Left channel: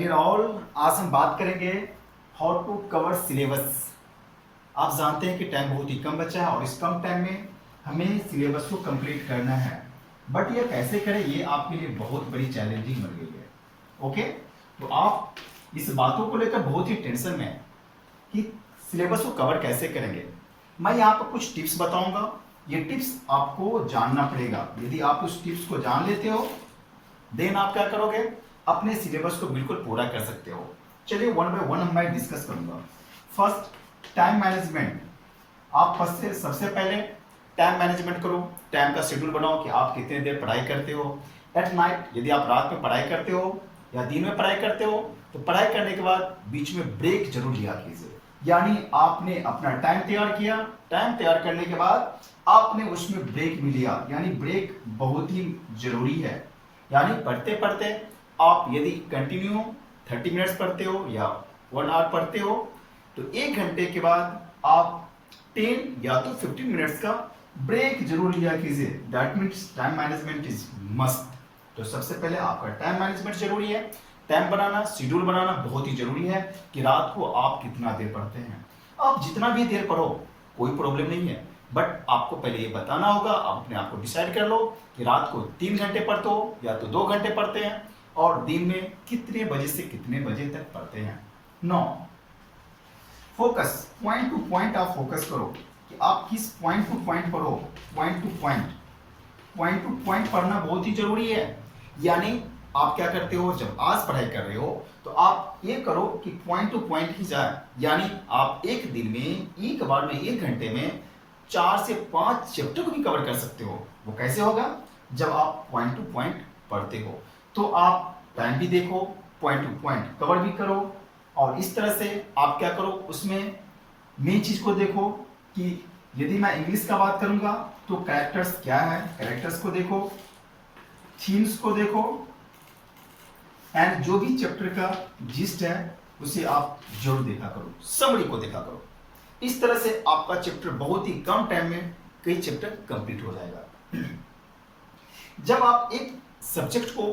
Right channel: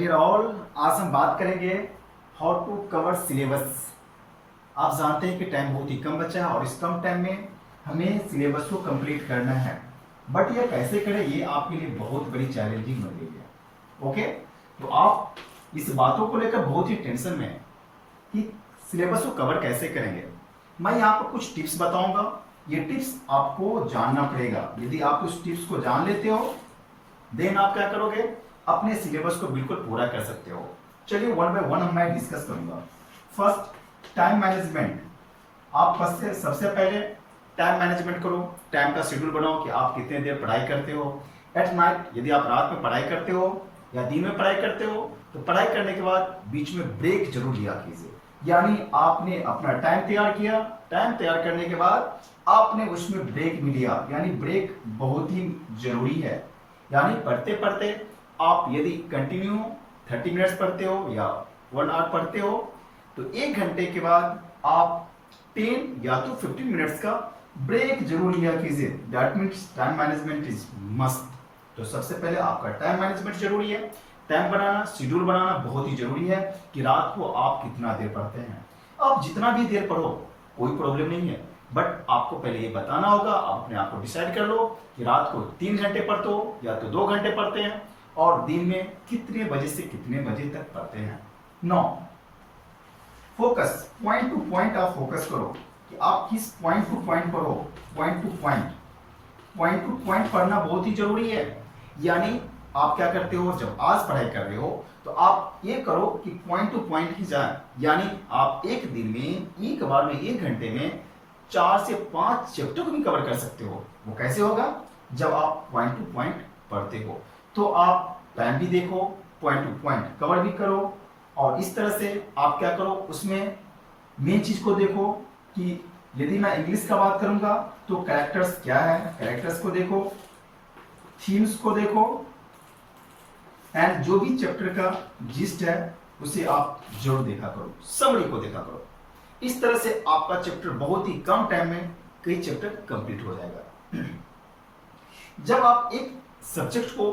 Dear all, आज हम बात करेंगे हाउ टू कवर सिलेबस। आप जानते हैं कि टाइम बहुत ही कम बचा है और इस कम टाइम में हमें सिलेबस को कंप्लीट करना है, बट ये कैसे करें ये आपके लिए बहुत बड़ी चैलेंजिंग बन गई है। ओके, तो आप इस बातों को लेकर बहुत ही टेंशन में हैं कि सिलेबस को कवर कैसे करेंगे। मैं यहाँ पर कुछ टिप्स बताऊंगा, ये टिप्स आपको जानना पड़ेगा। यदि आप उस टिप्स को जान लेते हो देन आप क्या करोगे, अपने सिलेबस को बिल्कुल पूरा कर सकते हो। चलिए वन बाय वन मैं डिस्कस करूंगा। First, time management. आप सबसे पहले टाइम मैनेजमेंट करो, टाइम का शेड्यूल बनाओ कि आप कितने देर पढ़ाई करते हो। एट नाइट, यदि आप रात में पढ़ाई करते हो या दिन में पढ़ाई करते हो तो पढ़ाई करने के बाद बीच में ब्रेक जरूर लिया कीजिए। यानी आपने अपना टाइम तैयार किया, टाइम तैयार करने के बाद आपने उसमें ब्रेक भी लिया, यानी ब्रेक बहुत ही जरूरी है। यानी पढ़ते पढ़ते आप यदि कंटिन्यू 30 मिनट्स पढ़ते हो या 1 आवर पढ़ते हो तो 1 घंटे के बाद आप 10 या तो 15 मिनट्स का ब्रेक जरूर लिया कीजिए। That means time management is must. तो सबसे पहले आपका टाइम मैनेजमेंट जरूरी है। टाइम बनाना, शेड्यूल बनाना बहुत ही जरूरी है कि रात को आप कितना देर पढ़ते हैं। आप जितना भी देर पढ़ो कोई प्रॉब्लम नहीं है, बट आपको पहले ये बताना होगा। आप अपने आप को डिसाइड कर लो कि रात को 3 घंटे पढ़ते हो या तो 2 घंटे पढ़ते हैं और दिन में कितने बजे से कितने बजे तक पढ़ते हैं। 9, फोकस, पॉइंट टू पॉइंट आप फोकस करो कि आप किस पॉइंट टू पॉइंट पढ़ो। Point two point, point two point पढ़ना बहुत ही जरूरी है। यानी आप क्या करते हो, जब आज पढ़ाई कर रहे हो तो आप ये करो कि पॉइंट टू पॉइंट ही जाए। यानी आप एक दिन में एक बार में 1 घंटे में 4 से 5 चैप्टर को भी कवर कर सकते हो। वो कैसे होगा, जब आप पॉइंट टू पॉइंट पढ़ते हो। तो आप टाइम भी देखो, पॉइंट टू पॉइंट कवर भी करो, और इस तरह से आप क्या करो, उसमें मेन चीज को देखो कि यदि मैं इंग्लिश का बात करूंगा तो कैरेक्टर्स क्या है, कैरेक्टर्स को देखो, थीम्स को देखो, एंड जो भी चैप्टर का जिस्ट है उसे आप जरूर देखा करो, समरी को देखा करो। इस तरह से आपका चैप्टर बहुत ही कम टाइम में कई चैप्टर कंप्लीट हो जाएगा। जब आप एक सब्जेक्ट को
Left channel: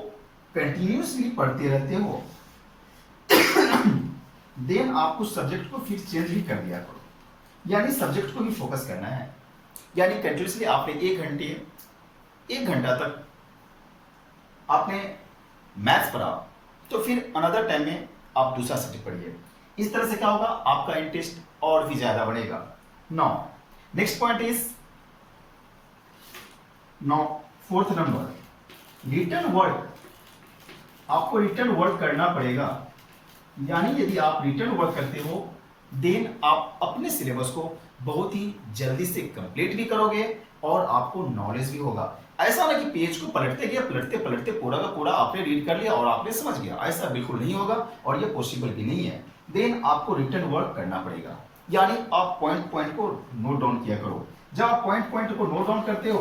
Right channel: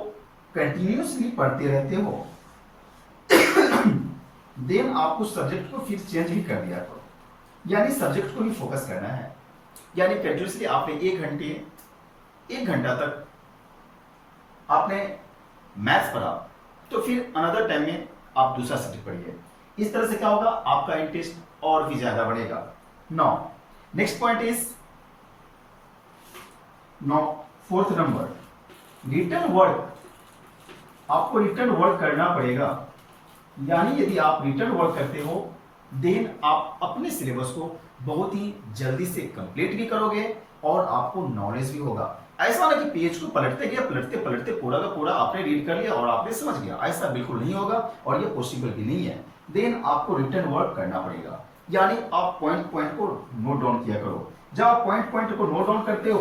कंटिन्यूअसली पढ़ते रहते हो देन आप उस सब्जेक्ट को फिर चेंज भी कर दिया करो। यानी सब्जेक्ट को भी फोकस करना है। यानी कंटिन्यूअसली आपने 1 घंटा तक आपने मैथ्स पढ़ा तो फिर अनदर टाइम में आप दूसरा सब्जेक्ट पढ़िए। इस तरह से क्या होगा, आपका इंटरेस्ट और भी ज्यादा बढ़ेगा। Next point is fourth number, written work. आपको रिटन वर्क करना पड़ेगा। यानी यदि आप रिटन वर्क करते हो देन आप अपने सिलेबस को बहुत ही जल्दी से कंप्लीट भी करोगे और आपको नॉलेज भी होगा। ऐसा ना कि पेज को पलटते गए, पलटते पलटते पूरा का पूरा आपने रीड कर लिया और आपने समझ गया, ऐसा बिल्कुल नहीं होगा और ये पॉसिबल भी नहीं है। देन आपको रिटन वर्क करना पड़ेगा। यानी आप पॉइंट पॉइंट को नोट डाउन किया करो। जब आप पॉइंट पॉइंट को नोट डाउन करते हो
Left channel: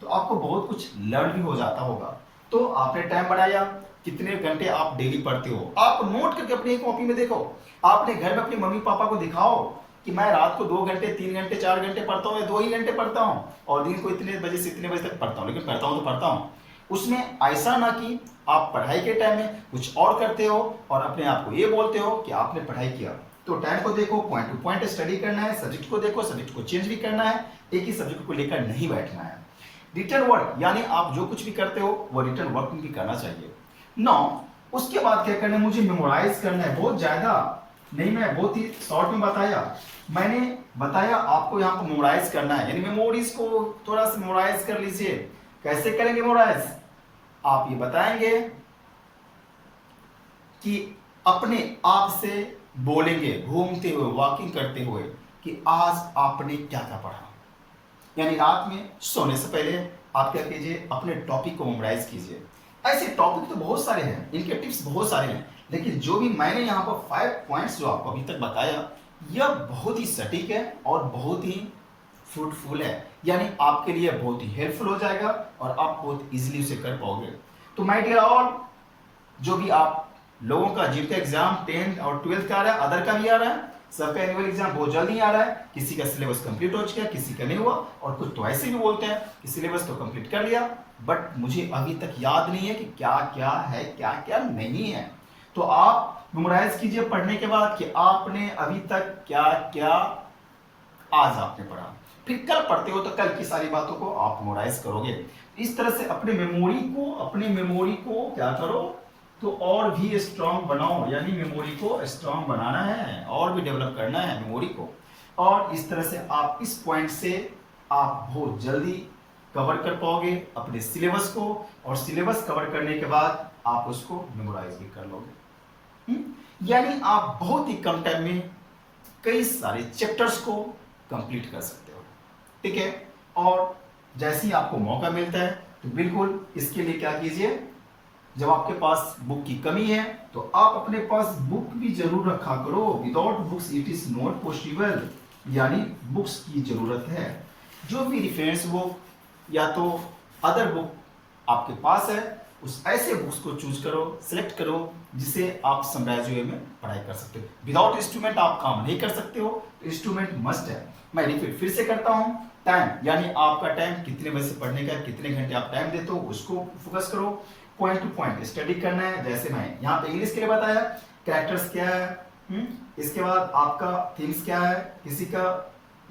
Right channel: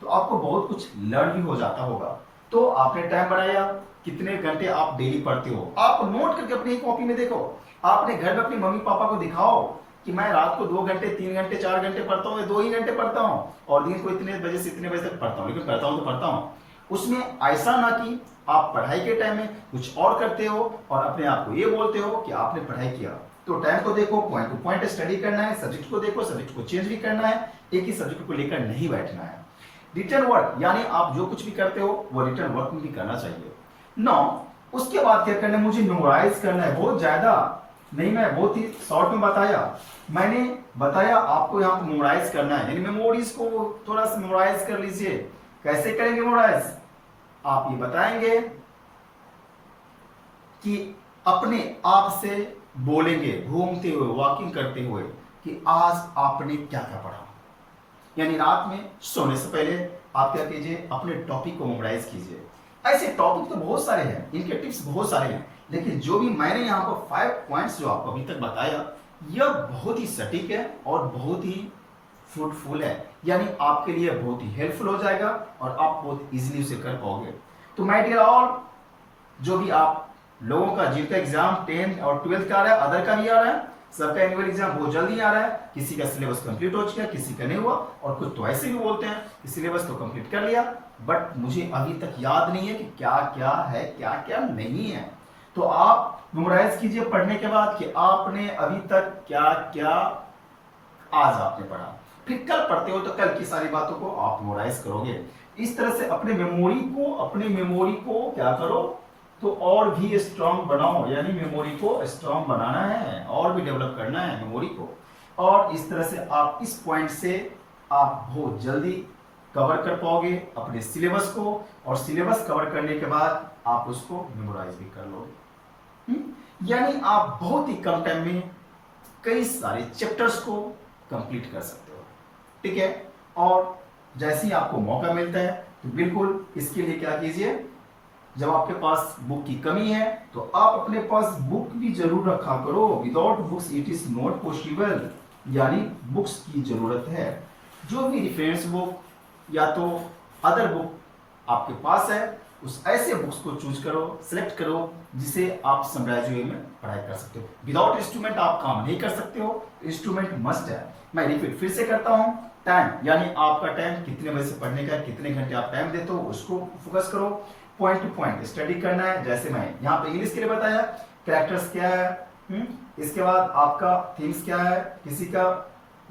तो आपको बहुत कुछ लर्न भी हो जाता होगा। तो आपने टाइम बढ़ाया, कितने घंटे आप डेली पढ़ते हो, आप नोट करके अपनी कॉपी में देखो। आपने घर में अपनी मम्मी पापा को दिखाओ कि मैं रात को 2 घंटे 3 घंटे 4 घंटे पढ़ता हूँ या 2 ही घंटे पढ़ता हूँ और दिन को इतने बजे से इतने बजे तक पढ़ता हूँ, लेकिन पढ़ता हूँ तो पढ़ता हूँ। उसमें ऐसा ना कि आप पढ़ाई के टाइम में कुछ और करते हो और अपने आप को ये बोलते हो कि आपने पढ़ाई किया। तो टाइम को देखो, पॉइंट टू पॉइंट स्टडी करना है, सब्जेक्ट को देखो, सब्जेक्ट को चेंज भी करना है, एक ही सब्जेक्ट को लेकर नहीं बैठना है। रिटन वर्क यानी आप जो कुछ भी करते हो वो रिटन वर्क में भी करना चाहिए। उसके बाद क्या करना है, मुझे मेमोराइज करना है। बहुत ज्यादा नहीं, मैं बहुत ही शॉर्ट में बताया। मैंने बताया आपको यहाँ पर मेमोराइज करना है, यानी मेमोरीज को थोड़ा सा मेमोराइज कर लीजिए। कैसे करेंगे मेमोराइज, आप ये बताएंगे कि अपने आप से बोलेंगे घूमते हुए, वॉकिंग करते हुए कि आज आपने क्या क्या पढ़ा। यानी रात में सोने से पहले आप क्या कीजिए, अपने टॉपिक को मेमोराइज कीजिए। ऐसे टॉपिक तो बहुत सारे हैं, इनके टिप्स बहुत सारे हैं, लेकिन जो भी मैंने यहाँ पर 5 पॉइंट्स जो आपको अभी तक बताया यह बहुत ही सटीक है और बहुत ही फ्रूटफुल है। यानी आपके लिए बहुत ही हेल्पफुल हो जाएगा और आप बहुत इजीली उसे कर पाओगे। तो माय डियर ऑल, जो भी आप लोगों का जिनका एग्जाम 10th और 12th का आ रहा है, अदर का भी आ रहा है, सबका एनुअल एग्जाम बहुत जल्दी आ रहा है। किसी का सिलेबस कंप्लीट हो चुका है, किसी का नहीं हुआ, और कुछ तो ऐसे भी बोलते हैं कि सिलेबस तो कंप्लीट कर लिया बट मुझे अभी तक याद नहीं है कि क्या क्या है क्या क्या नहीं है। तो आप मेमोराइज कीजिए पढ़ने के बाद कि आपने अभी तक क्या क्या आज आपने पढ़ा, फिर कल पढ़ते हो तो कल की सारी बातों को आप मेमोराइज करोगे। इस तरह से अपने मेमोरी को क्या करो, तो और भी स्ट्रांग बनाओ, यानी मेमोरी को स्ट्रांग बनाना है और भी डेवलप करना है मेमोरी को। और इस तरह से आप इस पॉइंट से आप बहुत जल्दी कवर कर पाओगे अपने सिलेबस को, और सिलेबस कवर करने के बाद आप उसको मेमोराइज भी कर लोगे। यानी आप बहुत ही कम टाइम में कई सारे चैप्टर्स को कंप्लीट कर सकते हो। ठीक है, और जैसे ही आपको मौका मिलता है तो बिल्कुल इसके लिए क्या कीजिए, जब आपके पास बुक की कमी है तो आप अपने पास बुक भी जरूर रखा करो। Without books it is not possible, यानी बुक्स की जरूरत है। जो भी रेफरेंस बुक या तो अदर बुक आपके पास है, उस ऐसे बुक्स को चूज करो, सिलेक्ट करो जिसे आप समराइज वे में पढ़ाई कर सकते हो। विदाउट इंस्ट्रूमेंट आप काम नहीं कर सकते हो, इंस्ट्रूमेंट मस्ट है। मैं रिपीट फिर से करता हूं, टाइम यानी आपका टाइम कितने बजे से पढ़ने का, कितने घंटे आप टाइम देते हो उसको फोकस करो। पॉइंट टू पॉइंट स्टडी करना है, जैसे मैं यहाँ पे इंग्लिश के लिए बताया, कैरेक्टर्स क्या है, इसके बाद आपका थीम्स क्या है, किसी का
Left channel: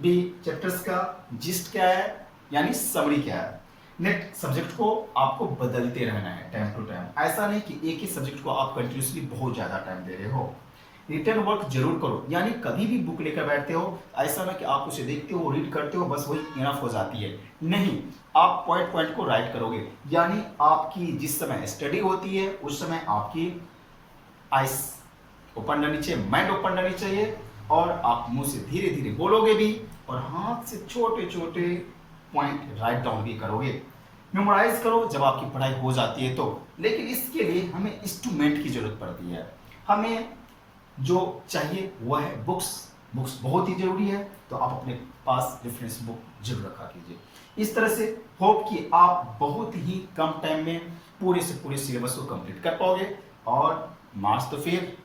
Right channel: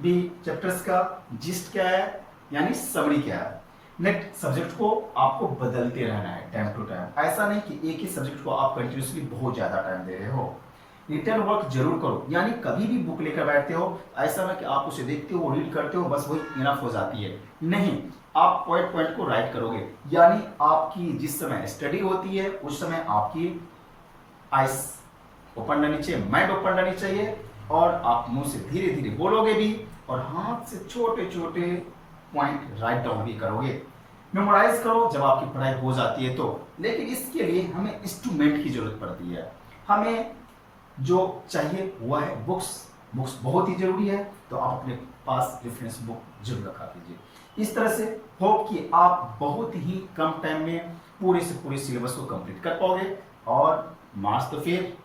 भी चैप्टर्स का जिस्ट क्या है, यानी समरी क्या है। नेक्स्ट सब्जेक्ट को आपको बदलते रहना है टाइम टू टाइम, ऐसा नहीं कि एक ही सब्जेक्ट को आप कंटिन्यूसली बहुत ज्यादा टाइम दे रहे हो। रिटर्न वर्क जरूर करो, यानी कभी भी बुक लेकर बैठते हो ऐसा ना कि आप उसे देखते हो, रीड करते हो, बस वही इनफ हो जाती है, नहीं। आप पॉइंट पॉइंट को राइट करोगे, यानी आपकी जिस समय स्टडी होती है उस समय आपकी आइस ओपन रहनी चाहिए, माइंड ओपन रहनी चाहिए, और आप मुंह से धीरे धीरे बोलोगे भी और हाथ से छोटे छोटे पॉइंट राइट डाउन भी करोगे। मेमोराइज करो जब आपकी पढ़ाई हो जाती है तो, लेकिन इसके लिए हमें इंस्ट्रूमेंट की जरूरत पड़ती है। हमें जो चाहिए वह है बुक्स बहुत ही जरूरी है, तो आप अपने पास रेफरेंस बुक जरूर रखा कीजिए। इस तरह से होप कि आप बहुत ही कम टाइम में पूरे से पूरे सिलेबस को कंप्लीट कर पाओगे, और मार्क्स तो फिर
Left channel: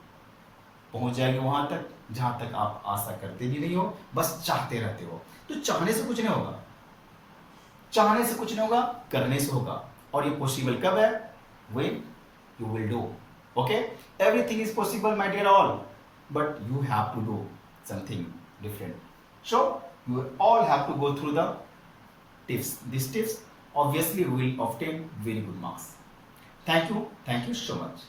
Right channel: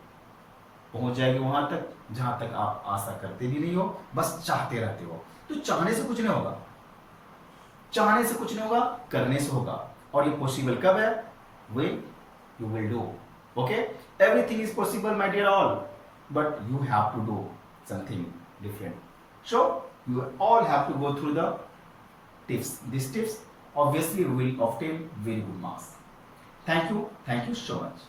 पहुंच जाएंगे वहां तक जहां तक आप आशा करते भी नहीं हो, बस चाहते रहते हो। तो चाहने से कुछ नहीं होगा, चाहने से कुछ नहीं होगा, करने से होगा। और ये पॉसिबल कब है, when you will do. Okay, everything is possible my dear all, but you have to do something different. So you all have to go through the tips. These tips obviously will obtain very good marks. Thank you so much.